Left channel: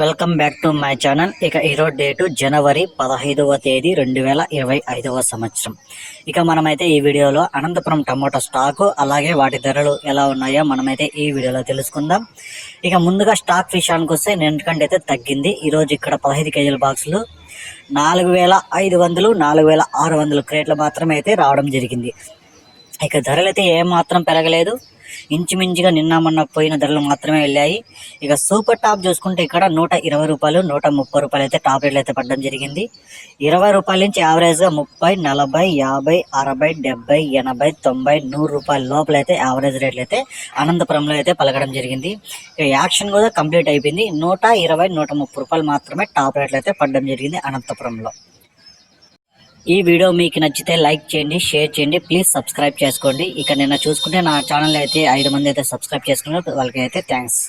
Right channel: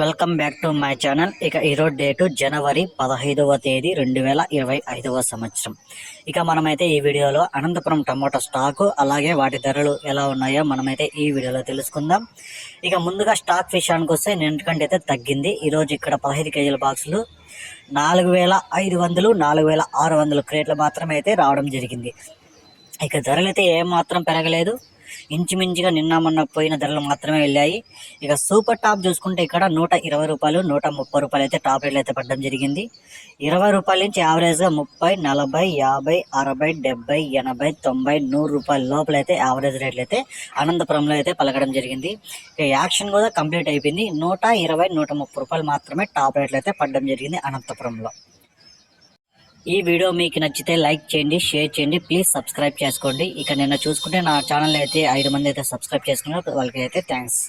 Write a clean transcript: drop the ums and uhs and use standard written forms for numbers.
Welcome back to my channel. ఇక ఈరోజు date జనవరి 15వ తేదీ 2025వ సంవత్సరం. ఇక మనమైతే ఈ వీడియోలో అనంతపురం టమోటా స్టాకు అలాగే వాటి ధరలు ఎలా ఉన్నాయో మనమైతే ఈ వీడియోలో తెలుసుకుందాం. ఇక ముందుగా స్టాక్ విషయానికి వస్తే నిన్నటికంటే అయితే తగ్గింది. ఈరోజు ఇక్కడ 15 కేజీల బాక్సులు 4500 4600 క్రేట్లు మాత్రమే అయితే రావడం జరిగింది. ఇక ధరలు అయితే ఏమాత్రం పెరగలేదు. ఇంచుమించుగా నిన్న మొన్న పోయిన ధరలు మాత్రమే వెళ్ళాయి. ఇక సూపర్ టాప్ చూసుకుంటే ఇక్కడ 120 రూపాయలు 130 రూపాయలు అయితే టాప్ రేట్లు అయితే పడడం జరిగింది. 20 రూపాయల నుంచి యావరేజ్గా 30 40 50 60 70 80 90 100 రూపాయల లోపల అయితే యావరేజ్ రేట్లు అయితే అనంతపురంలో అయితే పలకడం జరిగింది. ఇక యాక్షన్ కూడా కంప్లీట్ అయిపోయింది. 120 130 రూపాయలు మాత్రమే టాప్ రేట్లు అయితే పడడం జరిగింది అనంతపురంలో. ఈ వీడియో మీకు నచ్చితే లైక్ చేయండి, షేర్ చేయండి, ప్లీజ్ సబ్స్క్రైబ్ చేసుకోండి. ఇక నిన్న చూసుకుంటే నా ఛానల్ అయితే 5 మంది అయితే సబ్స్క్రైబ్ చేసుకున్నారు. వాళ్ళకి అయితే థ్యాంక్స్.